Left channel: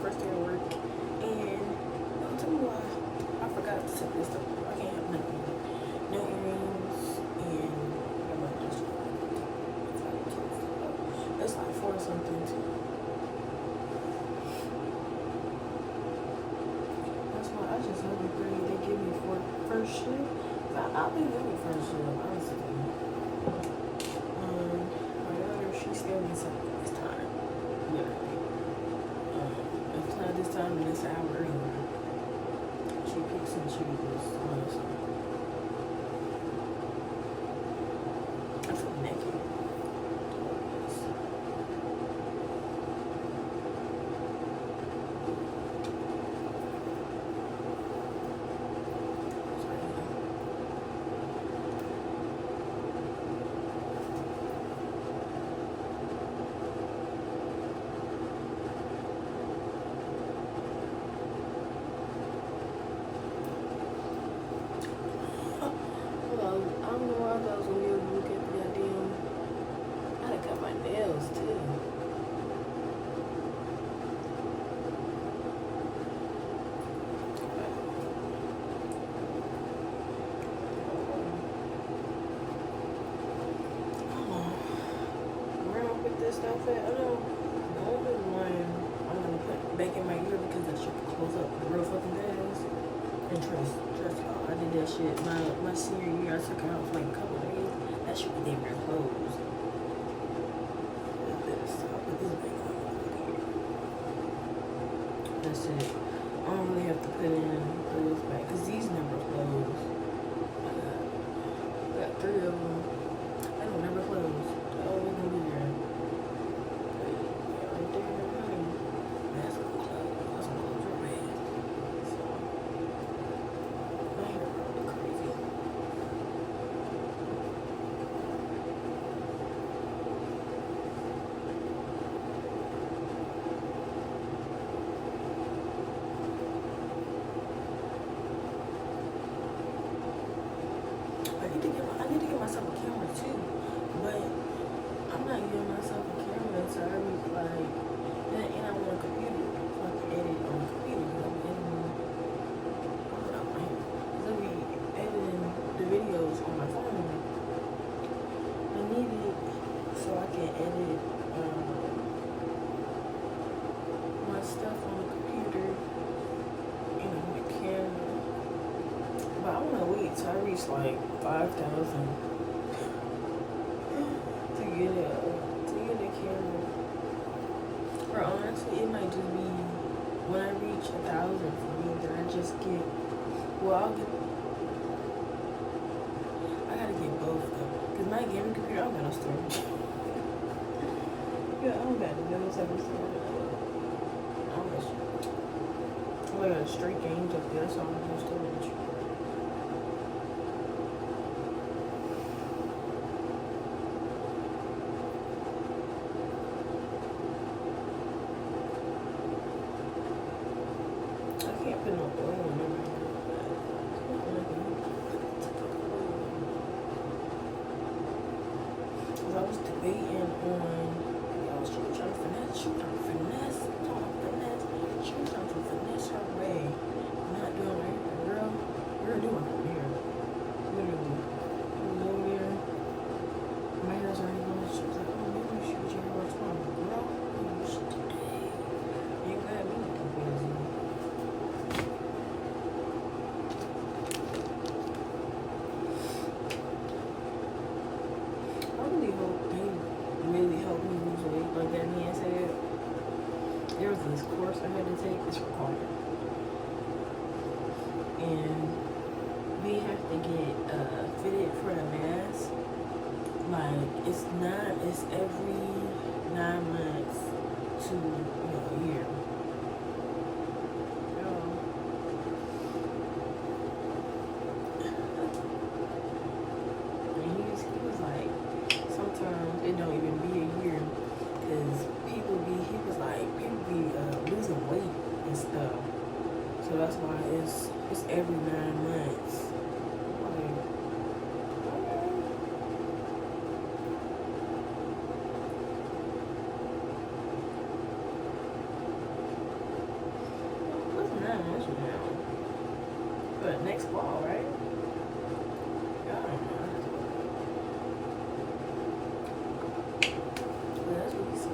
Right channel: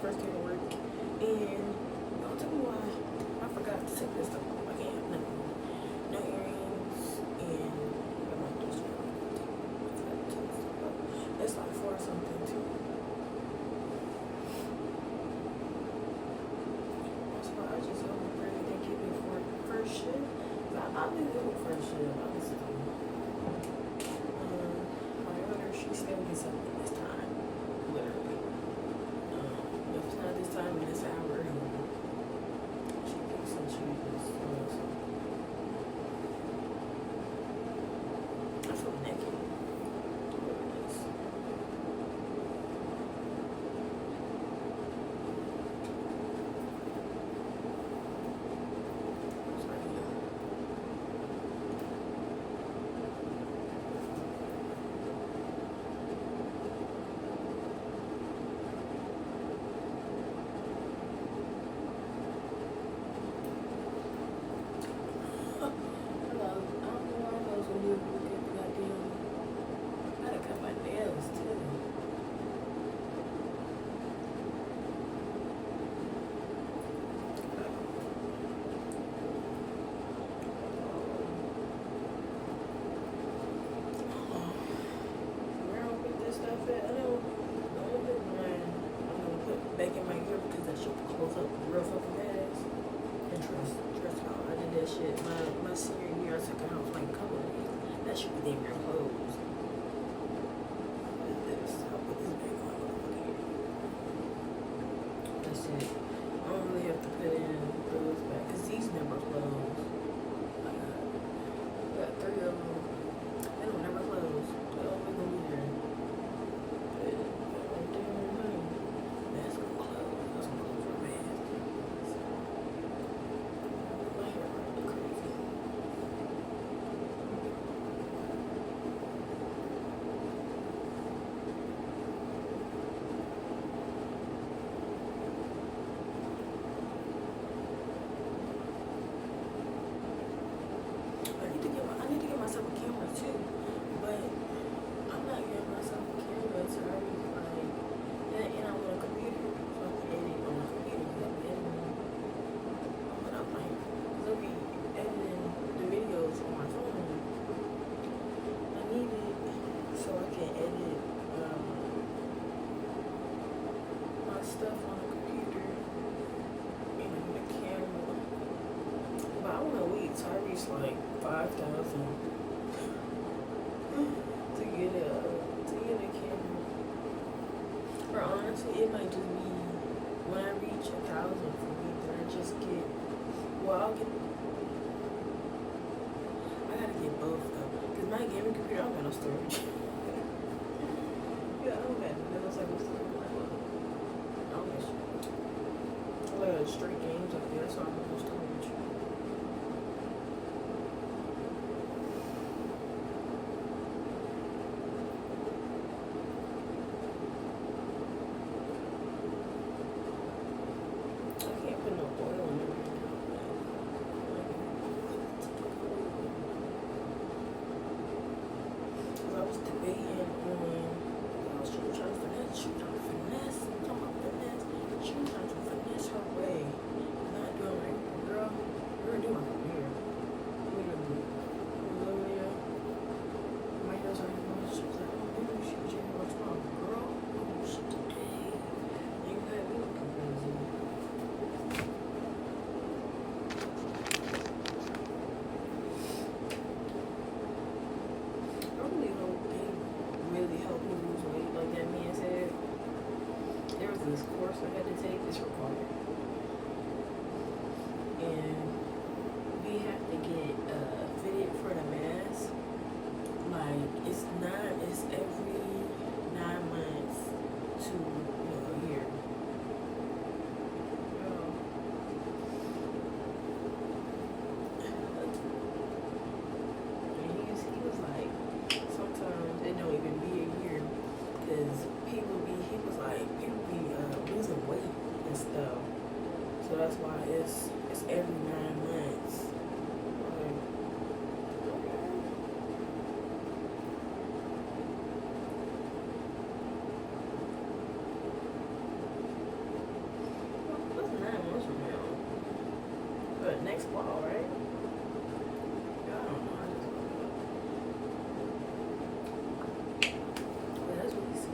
first day of work, and don't tell me why I forgot to take this stuff off. I can't have nothing. No earrings, and I might just it's like for something too. That's why I just hope and pray they give me for first shift. I'll be good with first shift, honestly. My daughter, she still gets something this time, literally. If it's not this time, then it's an hour earlier. She picks and chooses, honestly. I feel naked. Stuff it. I know the only one I'm gonna put back in my ear because that shit close up real fucking fast. And trust y'all, I did that shit. My senior year, I took it out for like a couple of days. That shit was damn near closed. I'll put this back on my fucking ear. That's it. I don't really have to put in those back because these never close. I got 3 of them. They don't never close. They always gonna be there. I need to get myself a camera too, but I'm not getting myself a camera, so I was like, and I want a computer so I can edit on the computer. I'll be editing, I'll be editing the videos on my phone. I need it so I can edit my stuff on the computer, the camera. But I want to wait till I reach like 5,000 to get a camera. Or honestly, it might just be when I reach 1,000 for me, then I just get. Well, I gotta get both though, cause my gaming computer, I don't got no storage. Yeah, I don't got no type of storage. I don't got shit. I got straight games up there, so I don't have no storage. Put no oil in it right now, cause I was debating on, she was trying to finesse, her way, not doing anything, girl. We're doing it here. Literally. Over there. My hair's already going. She was like, oh, maybe you should get your hair tomorrow. Girl, oh shit today. You ain't gonna have me looking crazy. This course I had to take is required, and we have to get fitted for the mask. Like it's every 9 months to a year. And he was like, sometimes it don't even be a year. Because people be losing weight and stuff. So that's why it's every 9 months. now. But next fall, right? I don't know. I just don't know. But that's what he said.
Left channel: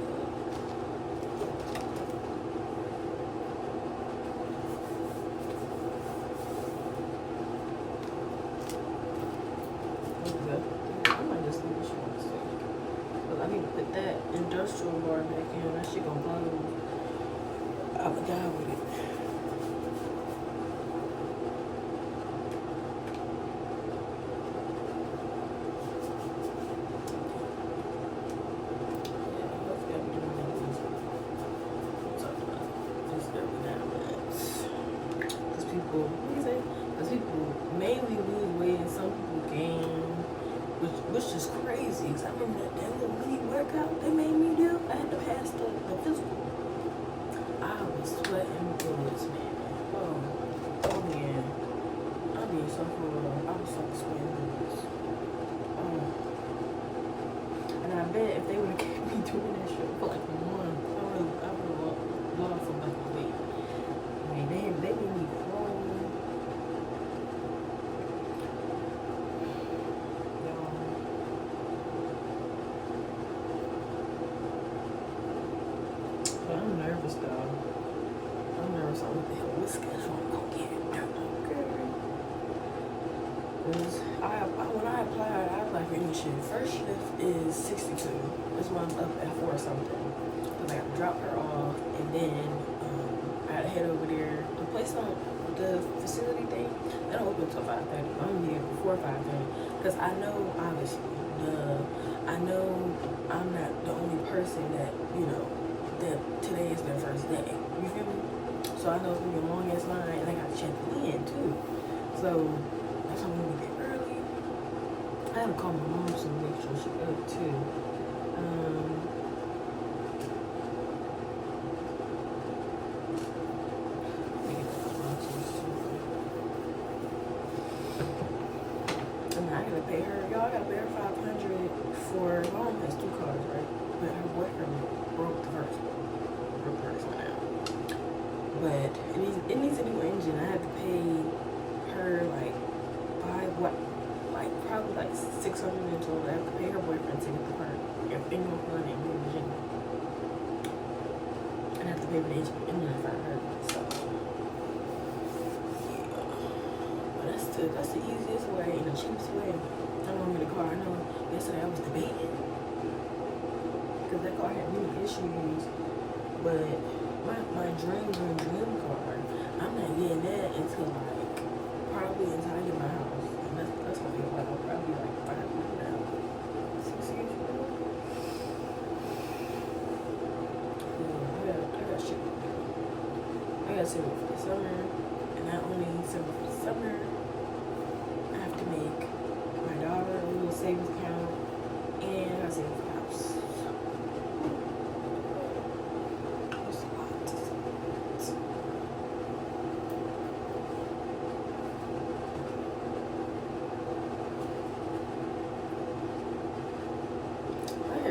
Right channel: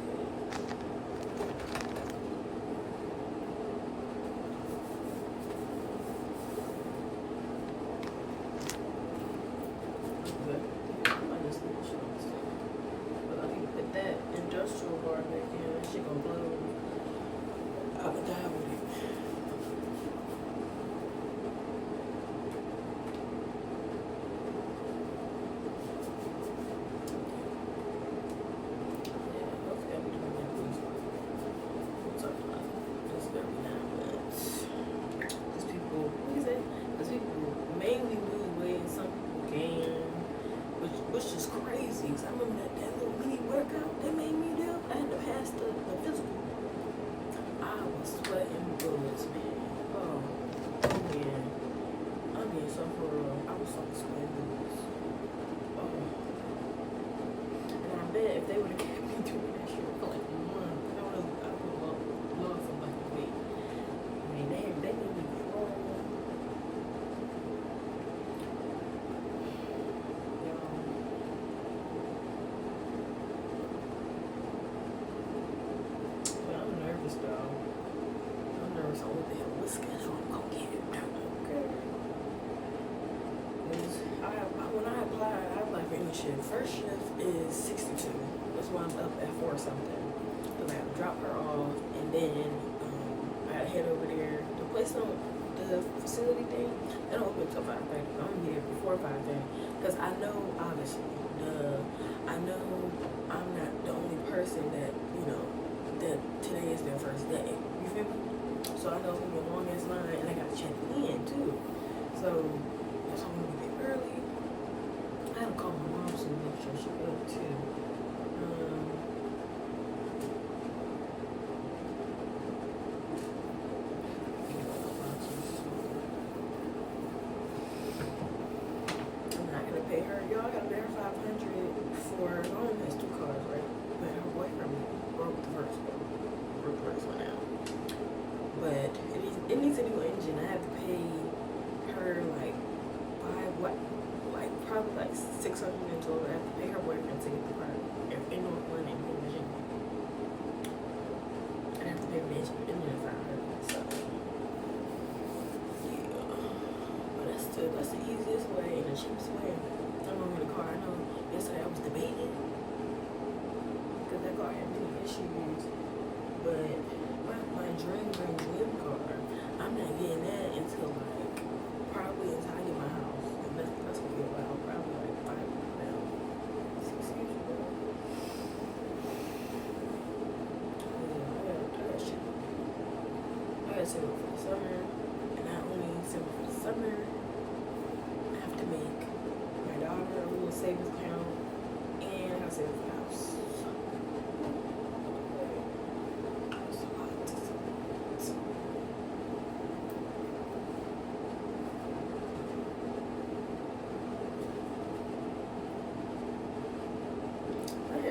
Good. I might just leave this shit on the stage. But I need to put that industrial bar back in. That shit gonna blow. I would die with it. Yeah, hopefully I'll be doing that these talking about this every now and then. Because people, what do you say? Because people mainly lose weight and some people gain, which is crazy. Because I remember that little mini workout they made me do. I had to pass the physical. I was sweating bullets, man. Oh yeah. I'm being so for real. I was so sweating bullets. Oh. And I bet if they would have kept me doing that shit for like a month, I would have lost a bunch of weight. I mean, they made me crawl. But I'm nervous though. I'm nervous on what the hell what schedule I'm gonna get. Okay. When I applied, I was like any shift. First shift is 62. That's why I'm up at 4 something. Cause I got to drop her off, and then I gotta head over there. The place on the facility thing, they don't open until 5:30. I'm gonna be there before 5:30. Cause I know, obviously, I know I'm not the only person that that today is their first day. You feel me? So I know it's gonna be a long ass line, and I gotta check in too. So that's why I'm gonna get early. I haven't called my mom to make sure she's up too. I gotta pay her. Y'all gotta pay her $500 for. My mom has 2 cars, right? But her boyfriend broke the first one out. But it needs a new engine. I have to pay her like probably like $600 in total. I have to pay her boyfriend to get the part in North London, in Virginia. And I have to pay for the engine if I heard. So yeah, but that's the easiest way and the cheapest way. I'm in the car. I know yesterday I was debating because that car had many issues, but my dream car, I'm not getting that until like probably until I get my house. And that's gonna be a while, probably like 5 years now. 6 years ago. Yeah, I got shit. I gotta save up for the summer, and not only save up for the summer, I have to make my daughter a little savings account, and I gotta save up for the house.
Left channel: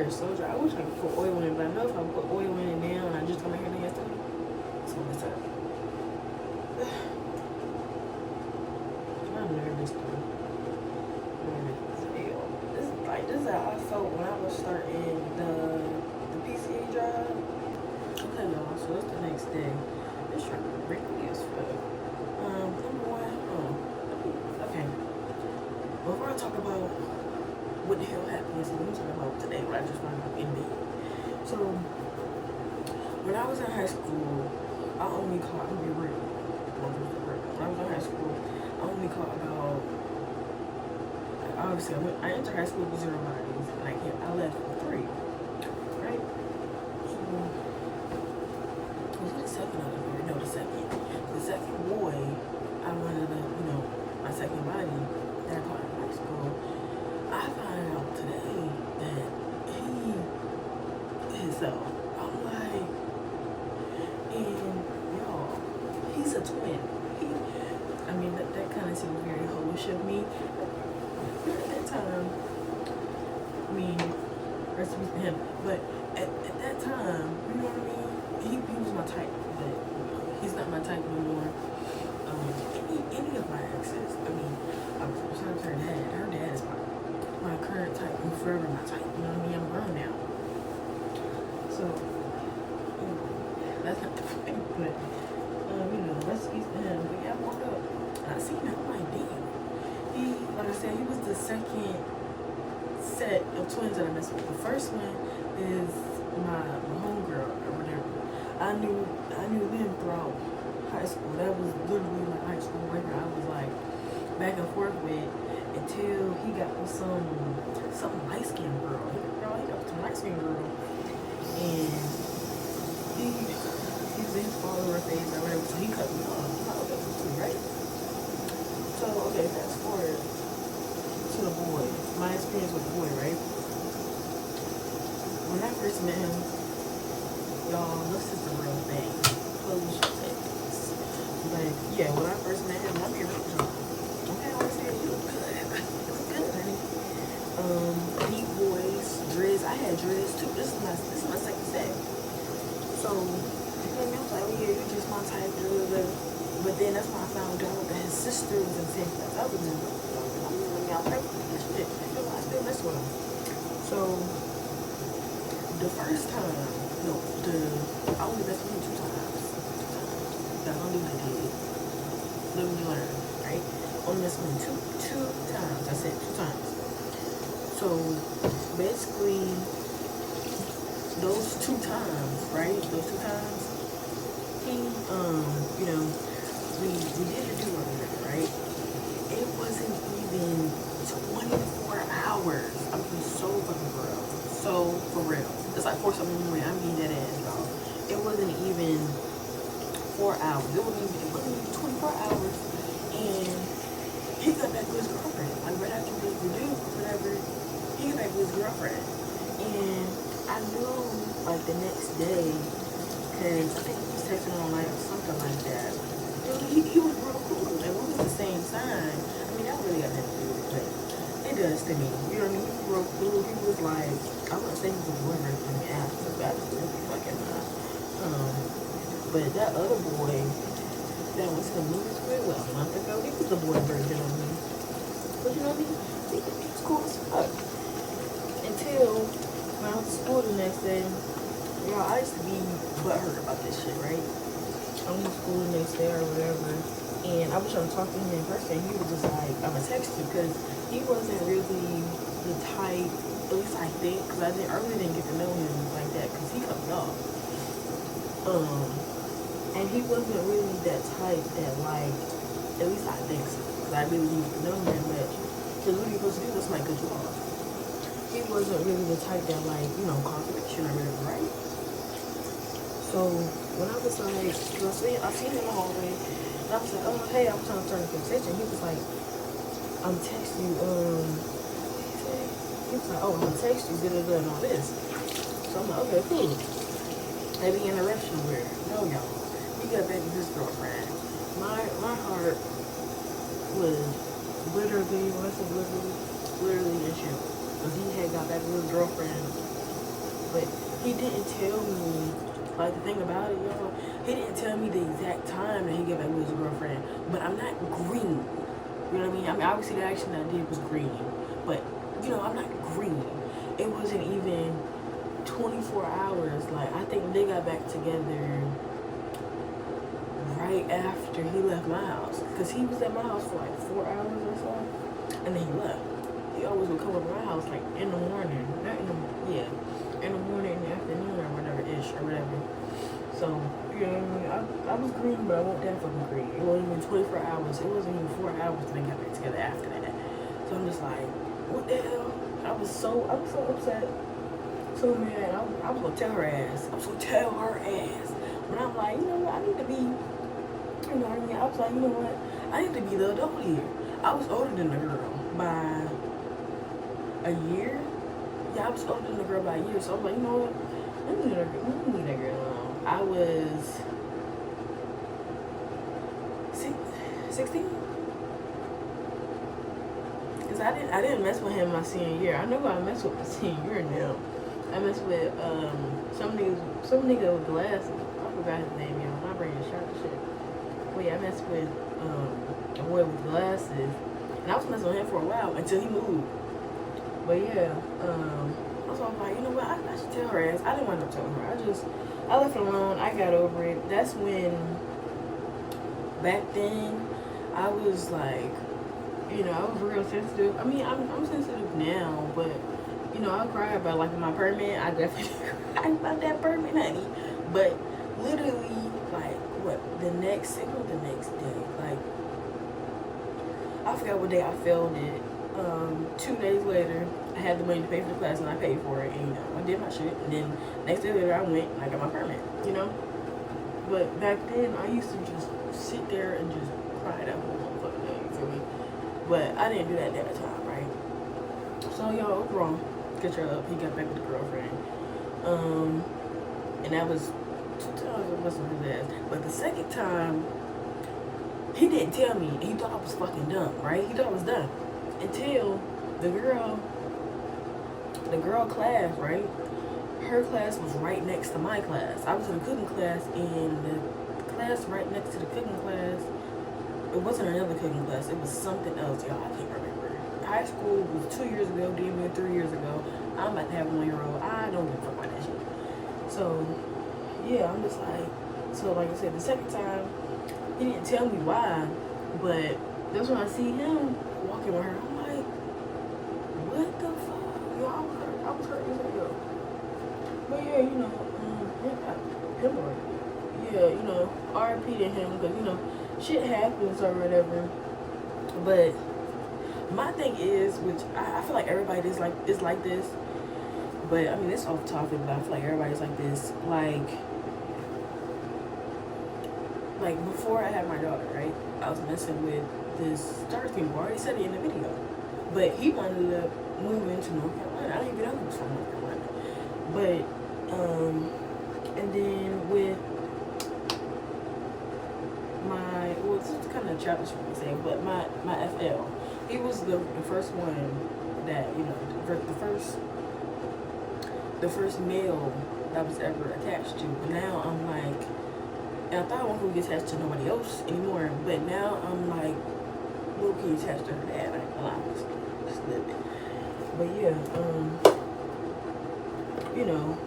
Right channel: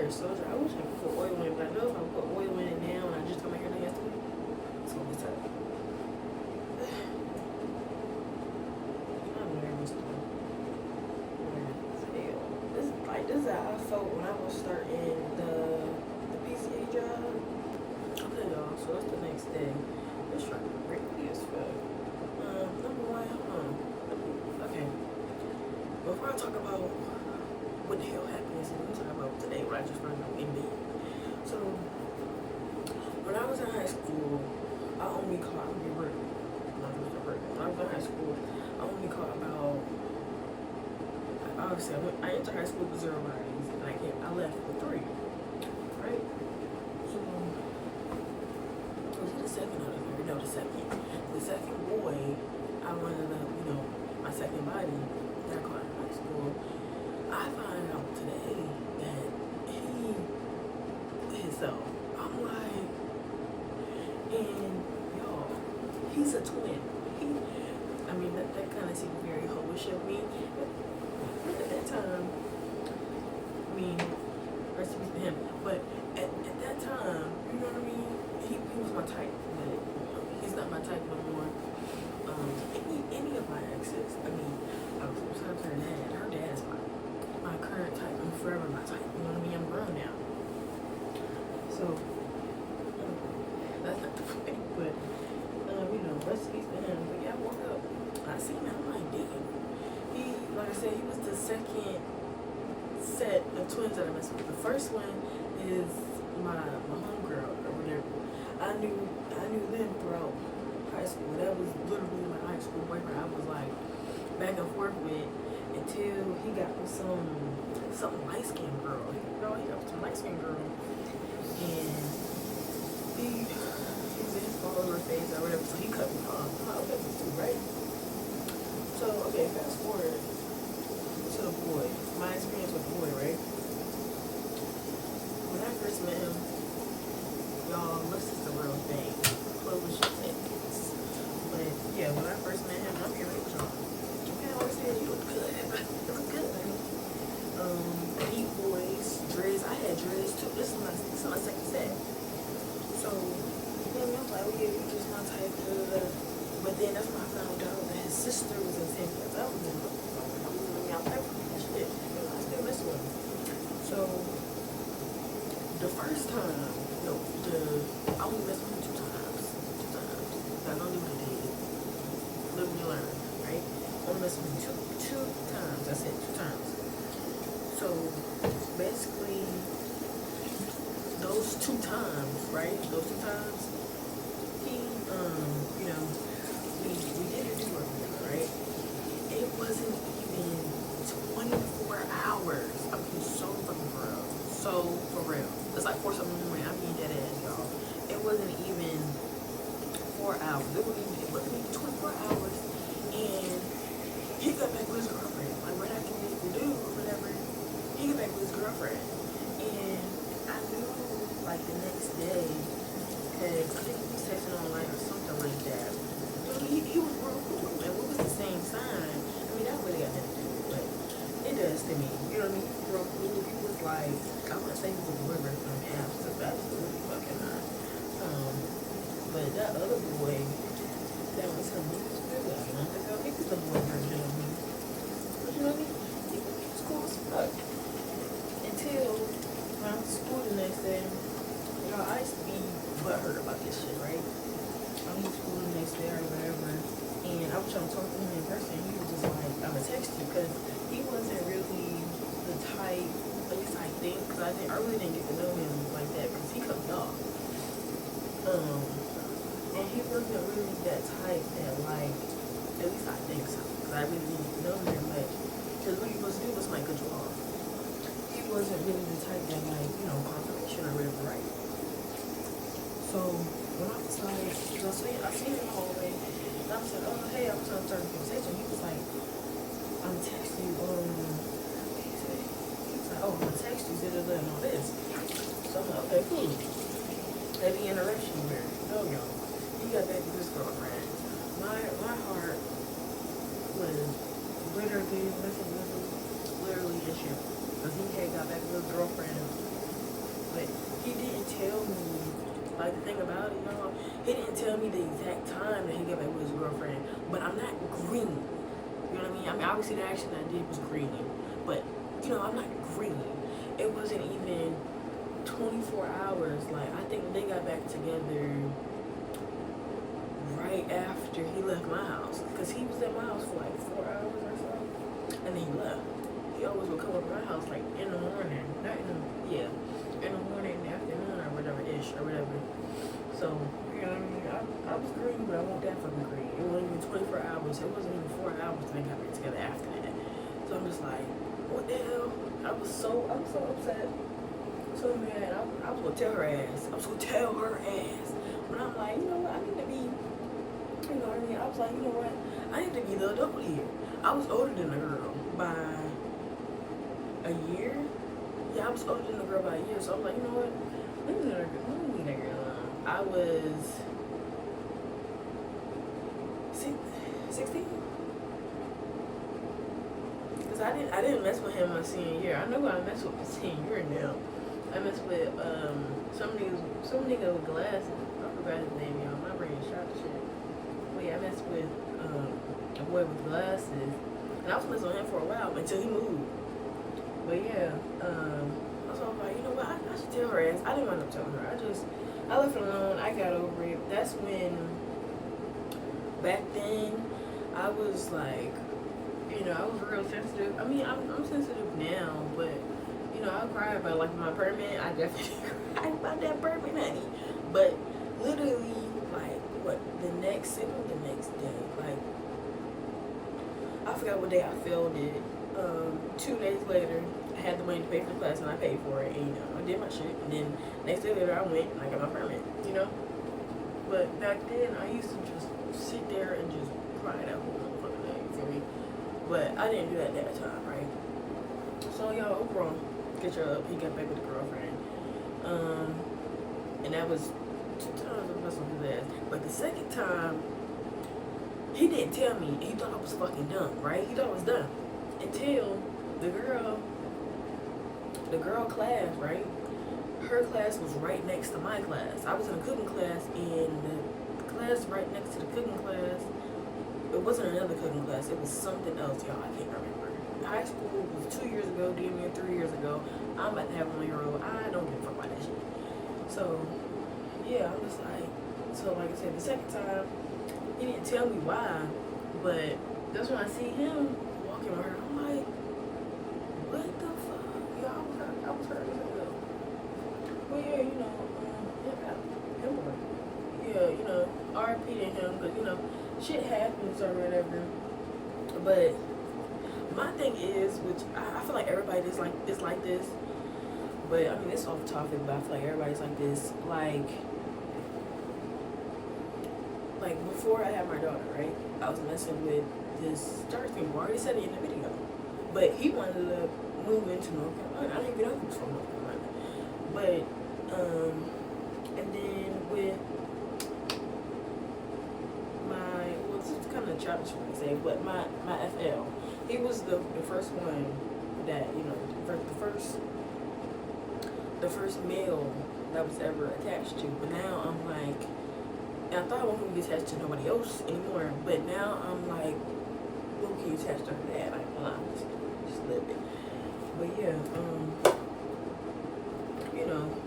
So dry. I wish I could put oil in it, but I know if I put oil in it now and I just got my hair done yesterday, it's gonna mess up. I'm nervous though. This is how I felt when I was starting the PCA job. Okay, y'all. So it's the next day. This truck is wrinkly as fuck. Number one, okay. Before I talk about what the hell happened yesterday, I'm talking about today, what I just found out in me. So, when I was in high school, I only caught, I'm gonna be real. When I was in high school, I only caught about, obviously, I entered high school with 0 bodies, and I left with 3, right? So, was it the second or the third? No, the second. The second boy, I wanted to, my second body that I caught in high school, I find out today that he himself. I'm like, and y'all, he's a twin. That kind of seemed very hoish of me. But at that time, rest in peace to him. But at that time, you know what I mean? He was my type, but he's just not my type no more. Any of my exes. I mean, sometimes her dad is my current type and forever my type. You know what I mean? I'm grown now. So, that's not the point, but, rest in peace to him. But yeah, I woke up, I seen him, I'm like, damn. Like I said, he was the second set of twins that I messed with. The first one is my homegirl or whatever. I knew them throughout high school. That was literally my high school boyfriend. I was like back and forth with until he got with some light skinned girl. He got with some light skinned girl, and he was in his follower phase or whatever. So he cut me off. I'm like, okay, right? So okay, fast forward to the boy. My experience with the boy, right? When I first met him, y'all, this is the real thing. Close your eyes. But yeah, when I first met him, I'm here with y'all. Okay, I always said you look good. You look good, honey. Neat voice, dreads. I had dreads too. This is my second set. So you know me, I was like, well, yeah, you're just my type. But then that's when I found out that his sister was in San Francisco. I was in. I was like, that shit. I still mess with him. So the first time, I only messed with him two times. Y'all don't do what I did. Live and you learn, right? Only messed with him two times. That's it, 2 times. So basically, those 2 times, right? Those 2 times, he, we did a do-over, right? It wasn't even 24 hours. I'm being so fucking for real. So for real. It's like 4 something in the morning. I'm being dead ass, y'all. It wasn't even 4 hours. It wasn't even 24 hours. And he got back with his girlfriend. Like right after we did the do or whatever, he got back with his girlfriend. And I knew like the next day, because I think he was texting online or something like that. He was real cool. And we was the same sign. I mean, that really got nothing to do with it, but it does to me. You know what I mean? He was real cool. He was like, I wouldn't say he was a boyfriend for me after, but absolutely fucking not. But that other boy that was him, he was real well. I think he was a boyfriend of me. But you know what I mean? He was cool as fuck. Until when I was at school the next day, I used to be butthurt about this shit, right? I went to school the next day or whatever, and I was trying to talk to him in person. He was just like, I'm gonna text you, because he wasn't really the type, at least I think, because I really didn't get to know him like that, because he cut me off. And he wasn't really that type that, like, at least I think so, because I really didn't get to know him that much. Because what he was supposed to do was might cut you off. He wasn't really the type that, like, confirmation or whatever, right? So when I was like, I seen him in the hallway, and I was like, oh, hey, I'm trying to start a conversation. He was like, I'm texting you, he was like, oh, I'm gonna text you, and all this. So I'm like, okay, cool. Heavy interaction where, y'all, he got back with his girlfriend. My heart was literally, when I said literally in shoot. Because he had got back with his girlfriend. But he didn't tell me. Like, the thing about it, y'all, he didn't tell me the exact time that he got back with his girlfriend. But I'm not green. You know what I mean? I mean, obviously, the action that I did was green. But, I'm not green. It wasn't even 24 hours. Like, I think they got back together right after he left my house. Because he was at my house for, like, 4 hours or so. And then he left. He always would come up to my house, like, in the morning. In the morning, in the afternoon, or whatever-ish, or whatever. So, you know what I mean? I was green, but I wasn't that fucking green. It wasn't even 24 hours. It wasn't even 4 hours till they got back together after that. So I'm just like, what the hell? I was so upset. So mad. I was gonna tell her ass. But I'm like, you know what? I need to be, you know what I mean? I was like, you know what? I need to be the adult here. I was older than the girl by a year. Yeah, I was older than the girl by a year, so I was like, you know what? Let me leave that girl alone. I was 16? Because I didn't mess with him my senior year. I know who I messed with my senior year now. I messed with some nigga with glasses. I forgot his name, y'all. My brain is shot to shit. mess with a boy with glasses, and I was messing with him for a while until he moved. But yeah, so I was like, you know what, I should tell her ass. I didn't wind up telling her. I left it alone. I got over it. That's when, back then, I was like, you know, I was real sensitive. I mean, I'm sensitive now, but, you know, I cry about, like, my permit. I definitely cry about that permit, honey. But literally, like, what, the next day, like, I forgot what day I failed it. 2 days later, I had the money to pay for the class, and I paid for it, and, you know, I did my shit, and then next day later, I went, and I got my permit, you know? But back then, I used to just sit there and just cry that whole motherfucking day, you feel me? But I didn't do that at the time, right? So, y'all, overall, get your up, he got back with the girlfriend, and that was 2 times I messed with his ass. But the second time, he didn't tell me, he thought I was fucking dumb, right? He thought I was dumb. Until the girl class, right? Her class was right next to my class. I was in a cooking class, and the class right next to the cooking class, it wasn't another cooking class. It was something else, y'all. I can't remember. High school was 2 years ago, damn near 3 years ago. I'm about to have 1 year old. I don't give a fuck about that shit. So, yeah, I'm just like, so like I said, the second time, he didn't tell me why, but that's when I see him walking with her. I'm like, what the fuck? Yo, I was hurt as hell. But yeah, you know, yeah, you know, RIP to him, because, you know, shit happens or whatever. But my thing is, which I feel like everybody is like this, but I mean, it's off topic, but I feel like everybody's like this. Like before I had my daughter, right? I was messing with this dark skin boy. I already said it in the video, but he wanted to move into North Carolina. I don't even know who's from North Carolina, but and then with my, well, this is kind of childish for me to say, but my FL, he was the first one that, you know, the first male that was ever attached to. But now I'm like, and I thought I wasn't gonna get attached to nobody else anymore, but now I'm like, low-key attached to her dad. I ain't gonna lie, just a little bit. But yeah, you know,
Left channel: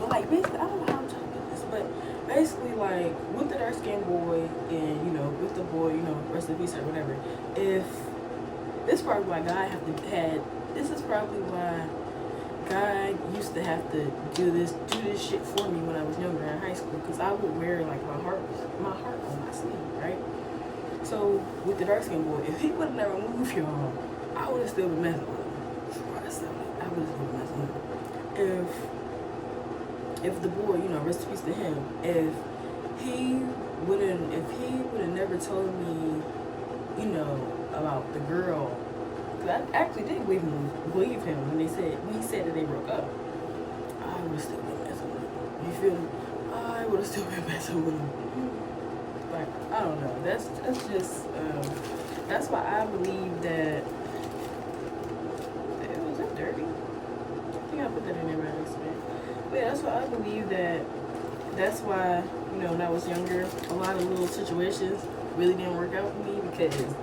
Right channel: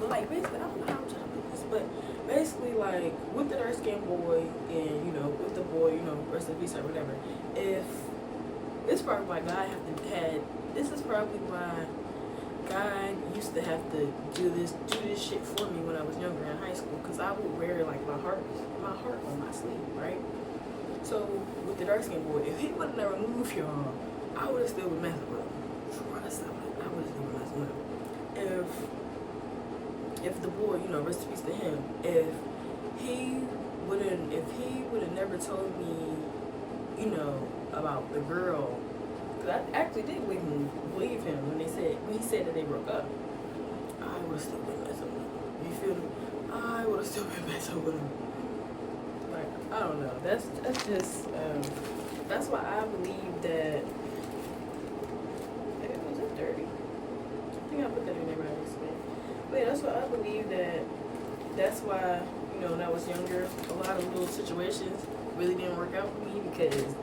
but like basically, I don't know how I'm trying to do this, but basically, like with the dark-skinned boy and, you know, with the boy, you know, rest in peace or whatever. If this is probably why this is probably why God used to have to do this shit for me when I was younger in high school, because I would wear like my heart on my sleeve, right? So with the dark skinned boy, if he would have never moved, y'all, I would have still been messing with him. I would have still been messing with him. If the boy, you know, rest in peace to him, if he would have never told me, you know, about the girl. I actually did believe him when he said that they broke up. I would have still been messing with him. You feel me? I would have still been messing with him. Like, I don't know. That's just that's why I believe that. Was that dirty? I think I put that in there by accident. But yeah, that's why I believe that. That's why, you know, when I was younger, a lot of little situations really didn't work out for me, because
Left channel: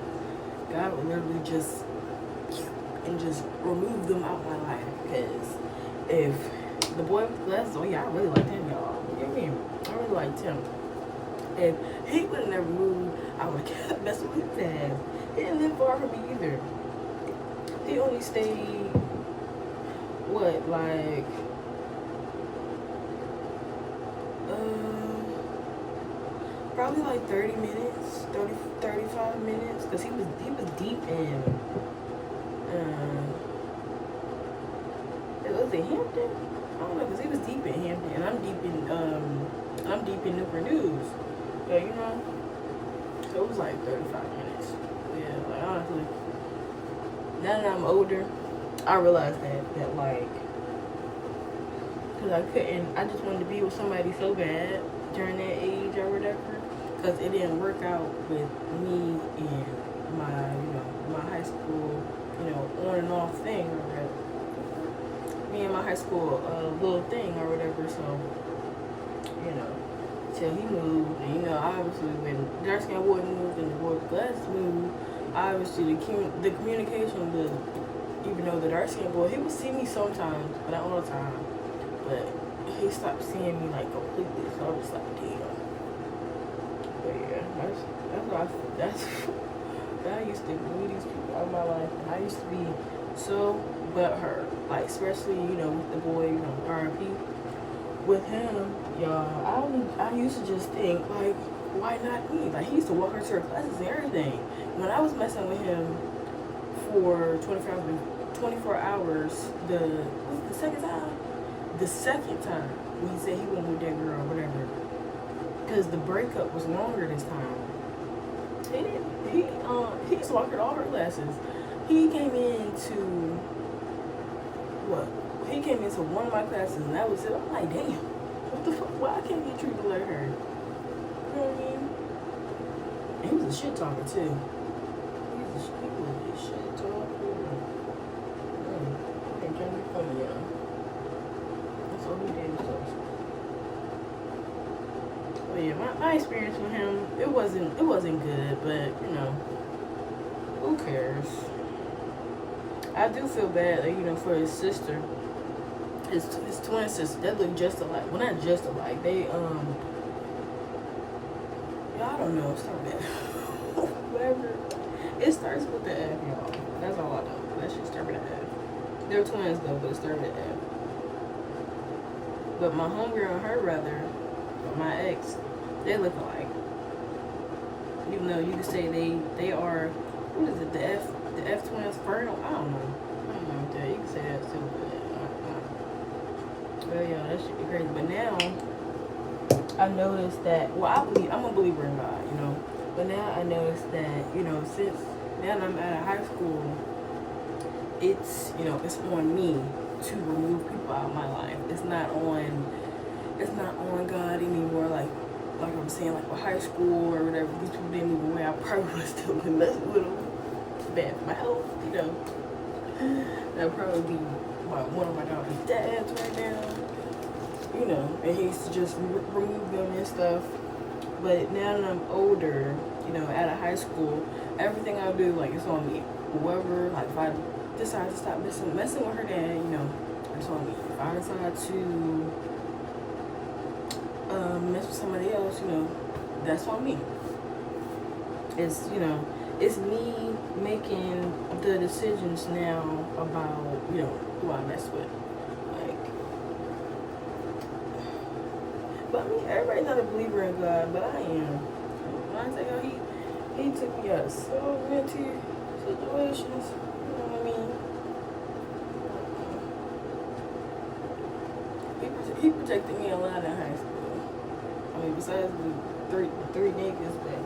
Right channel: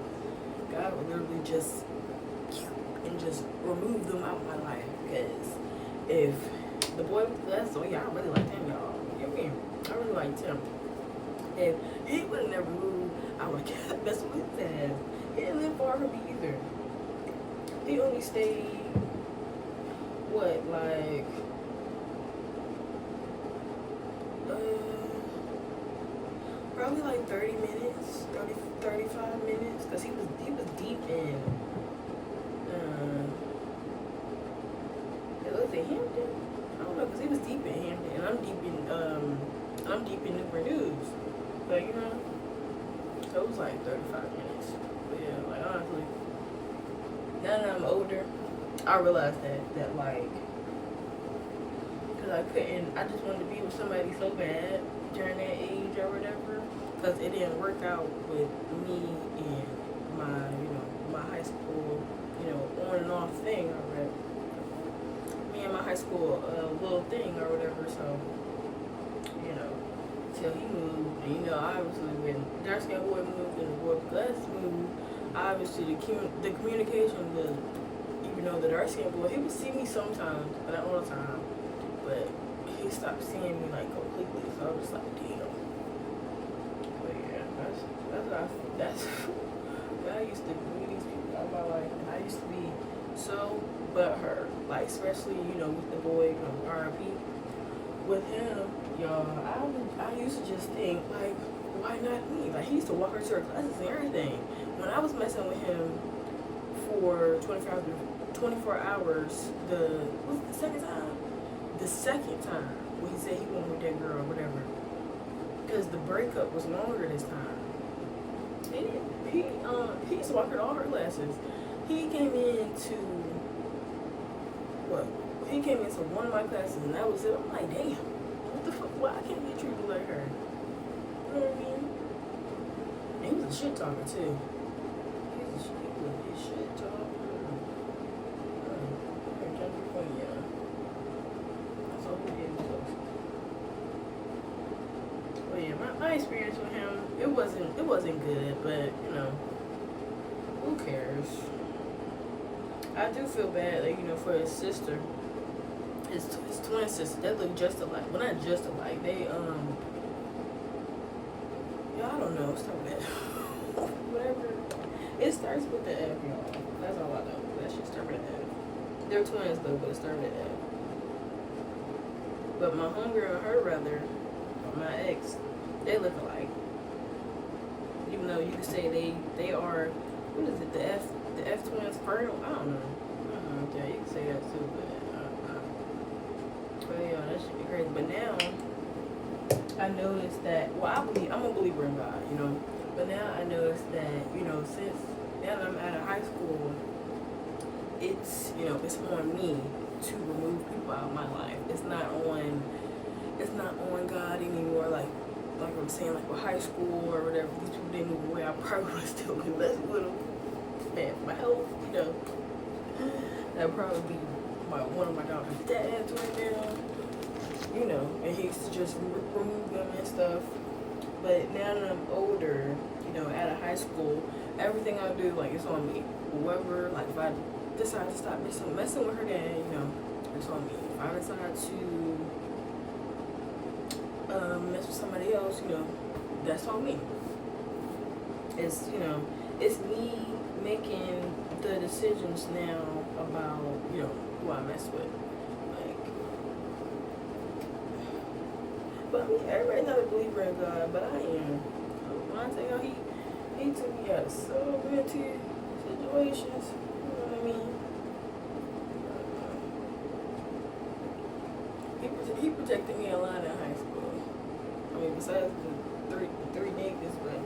God would literally just remove them out of my life. Because if the boy with glasses, oh yeah, I really liked him, y'all. You know what I mean? I really liked him. If he would have never moved, I would have kept messing with his ass. He didn't live far from me either. He only stayed, what, like, probably like 30 minutes, 35 minutes, because he was deep in, was it Hampton? I don't know, because he was deep in Hampton, and I'm deep in Newport News. So, you know, so it was like 35 minutes. But yeah, like, honestly, now that I'm older, I realized that like, because I just wanted to be with somebody so bad during that age or whatever, because it didn't work out with me and my, you know, my high school, you know, on and off thing or whatever. Me and my high school little thing or whatever, so, you know, until he moved. And, you know, obviously when dark skinned boy moved and the boy with glasses moved, obviously the communication was, even though the dark skinned boy, he would see me sometimes, but not all the time. But he stopped seeing me like completely, so I was like, damn. But yeah, that's I used to glue these people out of my life. I used to be so butthurt, like especially, you know, with the boy, you know, R.I.P. With him, y'all, I used to just think, like, why not me? Like, he used to walk her to her classes and everything. When I was messing with him for 24 hours, was it the second time? The second time when he said he went with that girl or whatever. Because the breakup was longer this time. He used to walk her to all her classes. He came into one of my classes and that was it. I'm like, damn, what the fuck? Why I can't get treated like her? You know what I mean? And he was a shit talker too. He was a shit talker. I'm trying to be funny, y'all. That's all he did was. But yeah, my experience with him, it wasn't good, but you know, who cares? I do feel bad, like, you know, for his sister, his twin sister. They look just alike. Well, not just alike. They I don't know. Start with that. Whatever. It starts with the F, y'all. That's all I know. That shit start with the F. They're twins though, but it started with the F. But my homegirl and her brother, my ex, they look alike. Even though you could say they are, what is it, the F twins fernal? I don't know. Yeah, you can say that too, but yeah, that shit be crazy. But now I noticed that, well, I'm a believer in God, you know. But now I noticed that, you know, since now that I'm out of high school, it's, you know, it's on me to remove people out of my life. It's not on God anymore. Like I'm saying, like with high school or whatever, these people didn't move away, I probably would still been messing with them. Bad for my health, you know. That'd probably be one of my daughter's dads right now, you know. And he used to just remove them and stuff. But now that I'm older, you know, out of high school, everything I do, like, it's on me. Whoever, like, if I decide to stop messing with her dad, you know, it's on me. If I decide to mess with somebody else, you know, that's on me. It's, you know, it's me making the decisions now about, you know, who I mess with. Like, but I mean, everybody's not a believer in God, but I am. When I tell y'all, he took me out of so many situations. You know what I mean? He protected me a lot in high school. I mean, besides the three niggas, but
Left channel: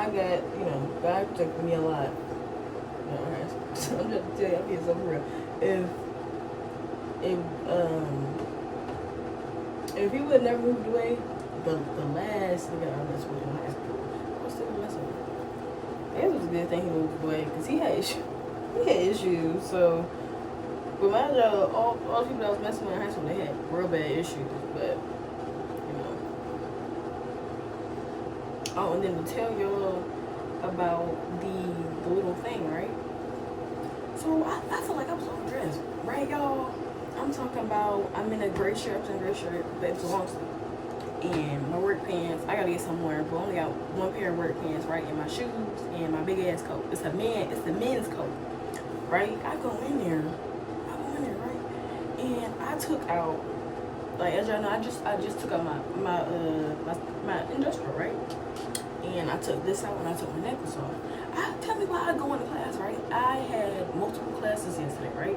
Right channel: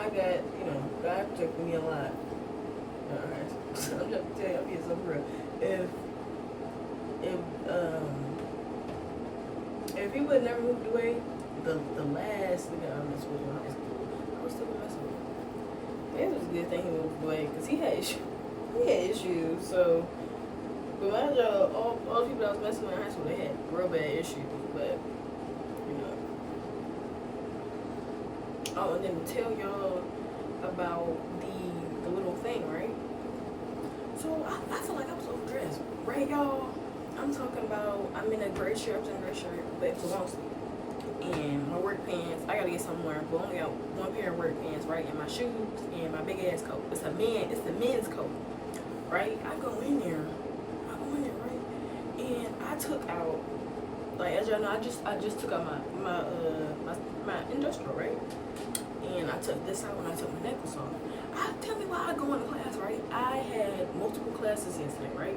I got, you know, God protected me a lot. Alright, so I'm just tell you, I'm being so real. If he would have never moved away, the last nigga I messed with in high school, I was still messing with him. It was a good thing he moved away because he had issues. So, but my job, all the people I was messing with in high school, they had real bad issues. But you know. Oh, and then to tell y'all about the little thing, right? So I feel like I was overdressed, right, y'all? I'm talking about, I'm in a gray shirt, but it's a long sleeve. And my work pants, I gotta get somewhere, but I only got one pair of work pants, right? And my shoes and my big ass coat. It's the men's coat, right? I go in there, right? And I took out, like, as y'all know, I just took out my industrial, right? And I took this out when I took my necklace off. Tell me why I go into class, right? I had multiple classes yesterday, right?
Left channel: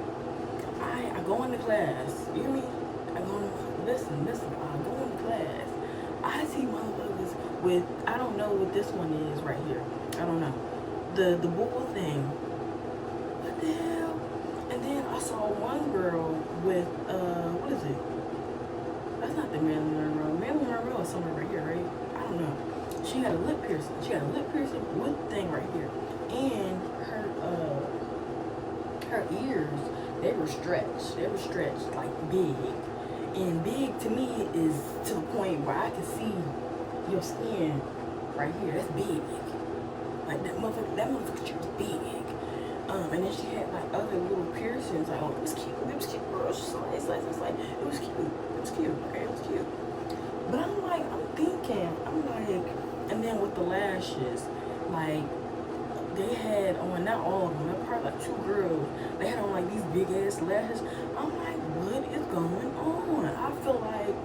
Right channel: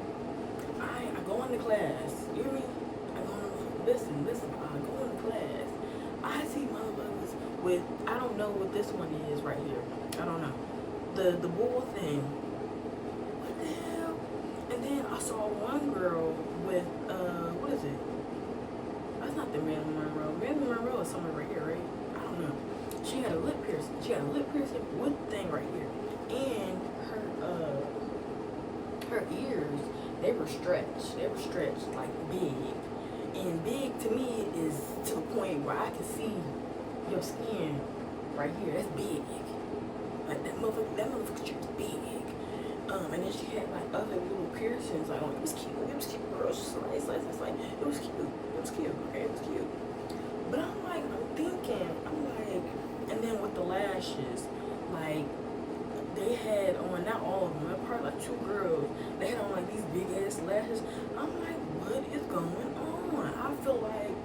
I go into class, you hear me? I go into, listen, I go into class. I see motherfuckers with, I don't know what this one is right here. I don't know. The bull thing. What the hell? And then I saw one girl with, what is it? That's not the Marilyn Monroe. Marilyn Monroe is somewhere right here, right? I don't know. She had a lip piercing. She had a lip piercing with thing right here. And her ears, they were stretched. They were stretched like big. And big to me is to the point where I can see your skin right here, that's big. Like that motherfucker shit was big. And then she had like other little piercings. Like, oh, it was cute, girl. Slice, it's like, it was cute, right? It was cute. But I'm like, and then with the lashes, like, they had on, not all of them, probably like 2 girls, they had on like these big ass lashes. I'm like, what is going on? I feel like,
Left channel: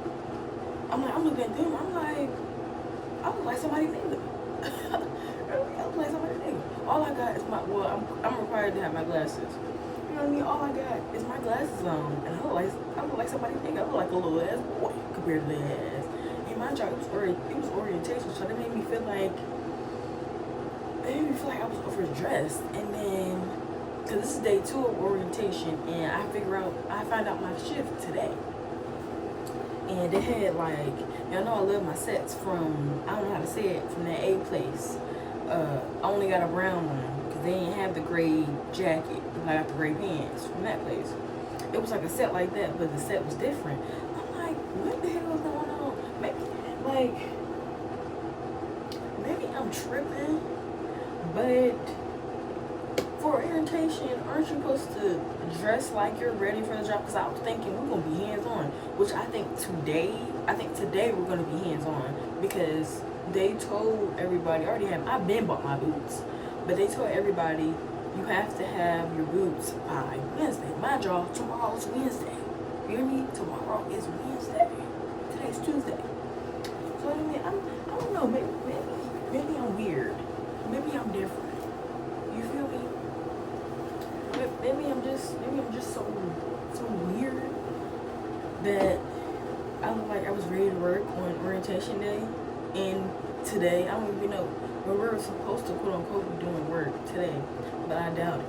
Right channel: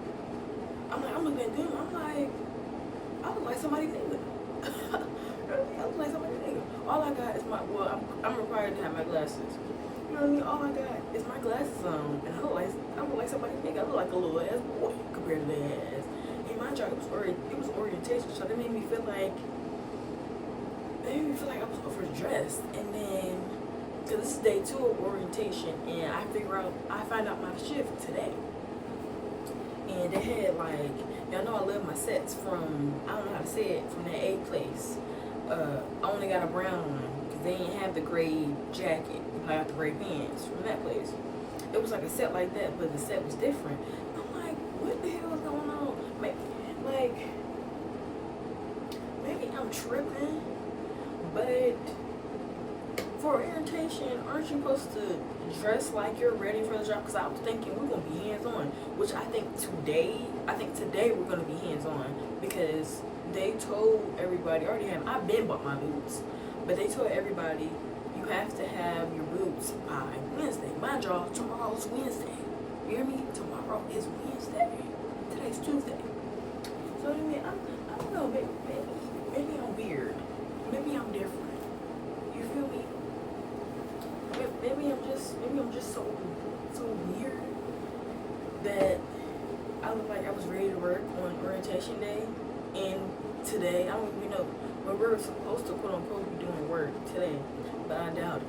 I'm looking at them, I look like somebody nigga. I look like somebody nigga. All I got is I'm required to have my glasses. You know what I mean? All I got is my glasses on, and I look like somebody nigga. I look like a little ass boy compared to their ass. And my job, it was orientation, so they made me feel like I was overdressed. And then, cause this is day 2 of orientation, and I find out my shift today. And they had like, y'all know I love my sets from, I don't know how to say it, from that A place. I only got a brown one because they didn't have the gray jacket. I got the gray pants from that place. It was like a set like that, but the set was different. I'm like, what the hell is going on? Maybe I'm tripping, but for orientation, aren't you supposed to dress like you're ready for the job? Because I was thinking we're gonna be hands-on, which I think today we're gonna be hands-on, because they told everybody, I've been bought my boots, but they told everybody you have to have your boots by Wednesday. My job, tomorrow's Wednesday. You hear me? Tomorrow is Wednesday. Today's Tuesday. So I mean, I don't know, maybe I'm weird. Maybe I'm different. You feel me? Maybe I'm just so weird that I look like I was ready to work on orientation day, and today, I don't even know, we were supposed to quote unquote be doing work today, but I doubt it.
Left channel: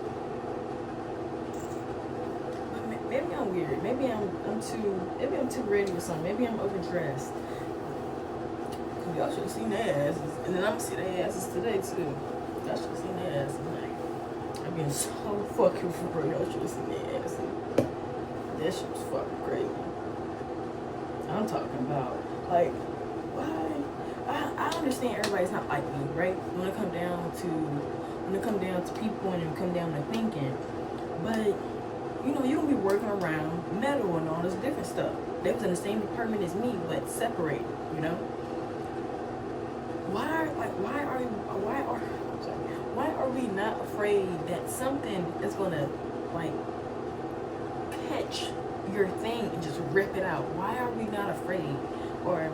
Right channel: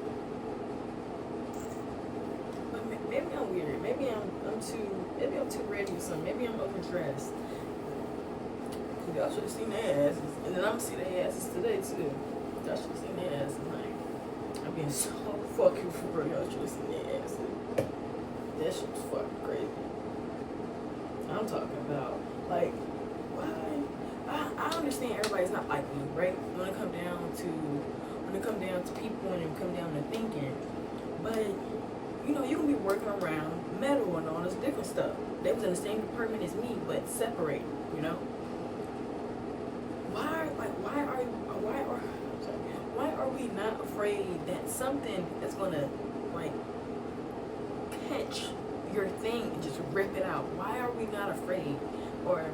But maybe I'm weird. Maybe I'm too ready or something. Maybe I'm overdressed. Cause y'all should have seen their asses, and then I'm gonna see their asses today too. Y'all should have seen their asses tonight. I'm being so fucking for real. Y'all should have seen their asses. That shit was fucking crazy. I'm talking about, like, why? I understand everybody's not like me, right? When it come down to people and it come down to thinking, but you know, you gonna be working around metal and all this different stuff. They was in the same department as me, but separated. You know, why are we not afraid that something is gonna like catch your thing and just rip it out? Why are we not afraid? Or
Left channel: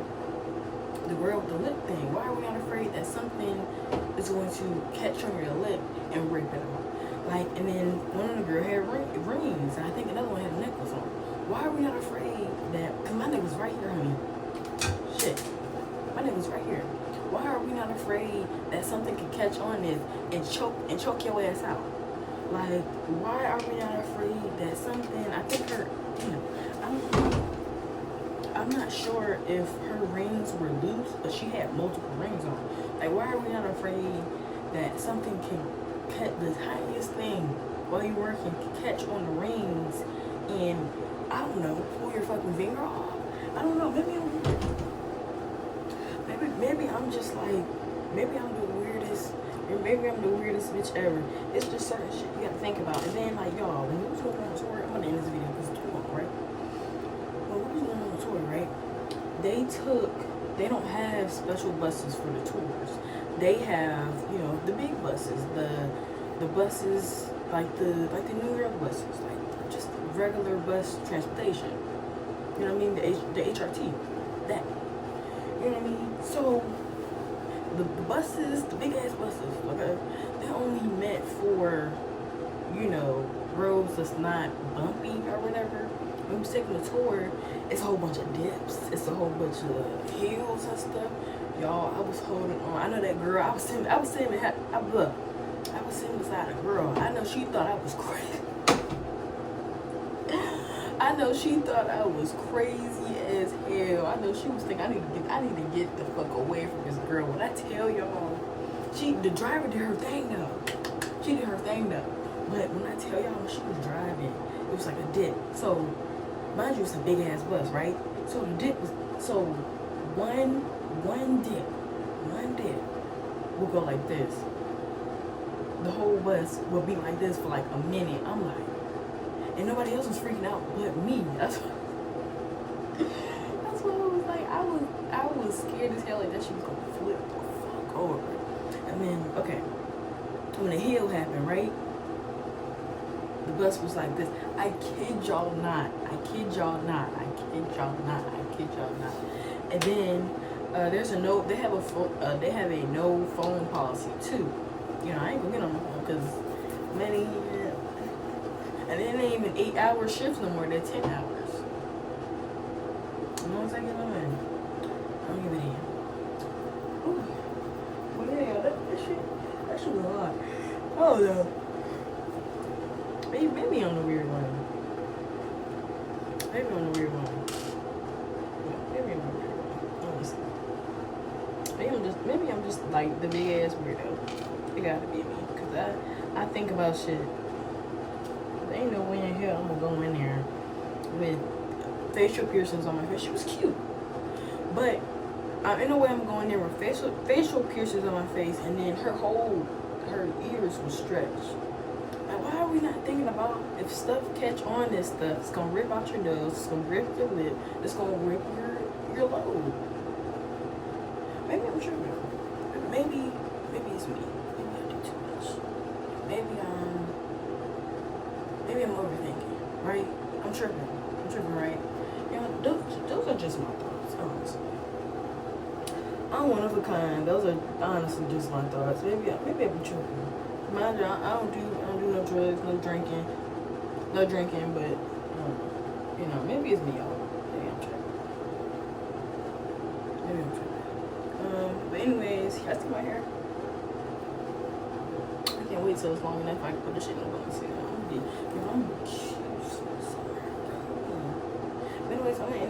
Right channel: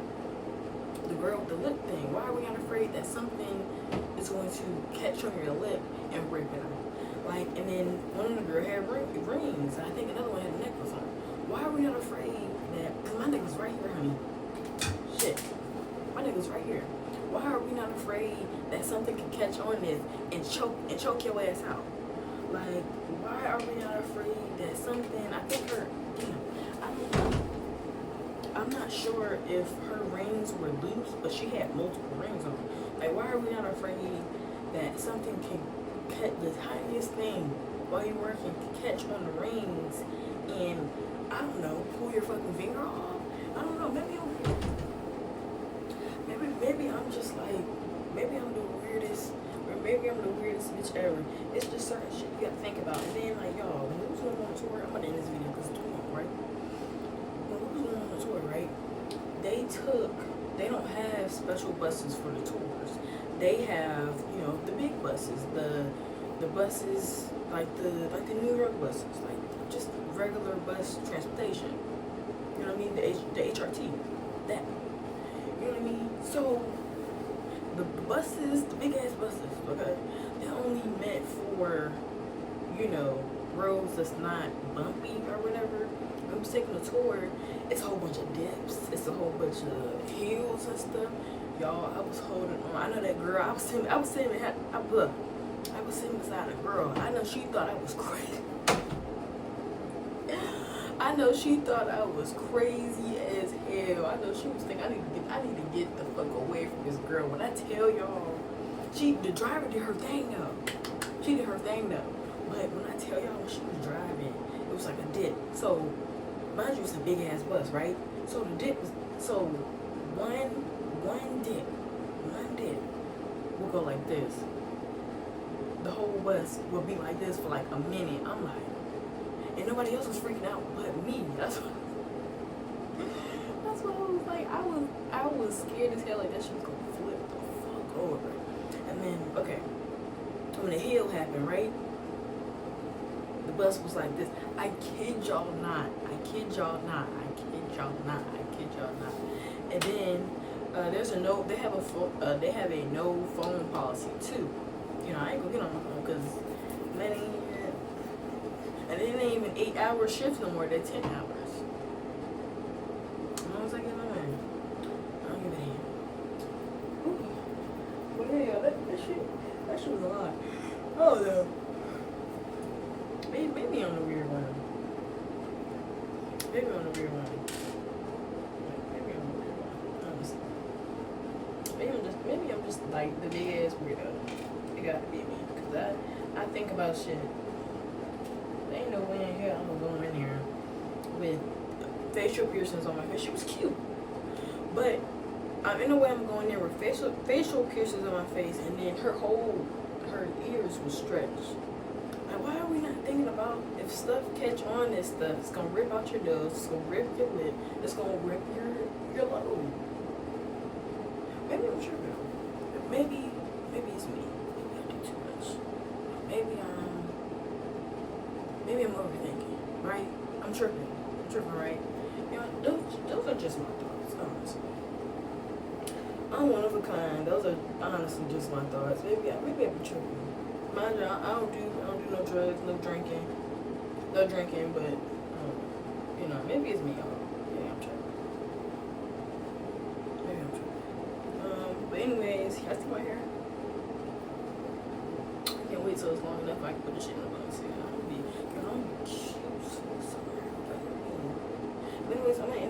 the girl with the lip thing, why are we not afraid that something is going to catch on your lip and rip it out? Like, and then one of the girls had rings, and I think another one had a necklace on. Why are we not afraid that, because my necklace right here, honey. Shit, my necklace right here. Why are we not afraid that something can catch on this and choke your ass out? Like, why are we not afraid that something, I think her, I'm not sure if her rings were loose, but she had multiple rings on. Like, why are we not afraid that something can catch, the tiniest thing while you're working, can catch on the rings and, I don't know, pull your fucking finger off? I don't know, maybe I'm just like, maybe I'm the weirdest, or maybe I'm the weirdest bitch ever. It's just certain shit you gotta think about. And then, like, y'all, when we was going on tour, I'm gonna end this video because it's too long, right? When we was going on tour, right? They don't have special buses for the tours. They have, you know, the big buses, the buses, like the New York buses, like just regular bus transportation. You know what I mean? The HRT, that. You know what I mean? So the buses, the big ass buses, okay, they're only meant for, you know, roads that's not bumpy or whatever. When we was taking a tour, it's a whole bunch of dips, it's a whole bunch of hills and stuff. Y'all, I was holding on. I know that girl. I was sitting beside a girl. I know she thought I was crazy. I know she thought I was crazy as hell. I know she was thinking I need to get the fuck away from this girl. When I tell y'all, the driver did her thing though. She did her thing though. But when I tell y'all she was driving, it was like a dip. So mind you, it's a big ass bus, right? So the dip was, so one one dip will go like this. The whole bus will be like this for like a minute. I'm like, and nobody else was freaking out but me. That's what I was like. I was scared as hell like that she was gonna flip the fuck over. And then okay, when the hill happened, right? The bus was like this. I kid y'all not. And then there's a no. They have a no phone policy too. You know, I ain't gonna get on my phone because money. And it ain't even 8-hour shifts no more. They're 10 hours. As long as I get on, I don't give a damn. Ooh. Well, yeah, that shit was a lot. I don't know. Maybe I'm the weird one. Maybe I'm the weird one. Maybe I'm just like the big ass weirdo. It gotta be me, cause I think about shit. There ain't no way in hell I'm gonna go in there with facial piercings on my face. She was cute, but in a way I'm going there with facial piercings on my face, and then her ears was stretched. Like, why are we not thinking about if stuff catch on this stuff? It's gonna rip out your nose. It's gonna rip your lip. It's gonna rip your lobe. Maybe I'm tripping. Maybe it's me. Maybe I do too much. Maybe I'm overthinking. Right? I'm tripping, right? You know, those are just my thoughts, honestly. I'm one of a kind. Those are honestly just my thoughts. Maybe I be tripping. Mind you, I don't do no drugs, no drinking, but you know, maybe it's me, y'all. Maybe I'm tripping. But anyways, you guys see my hair? I can't wait till it's long enough I can put the shit in the bun. See, I'm gonna be cute for summer. But anyways, I'm gonna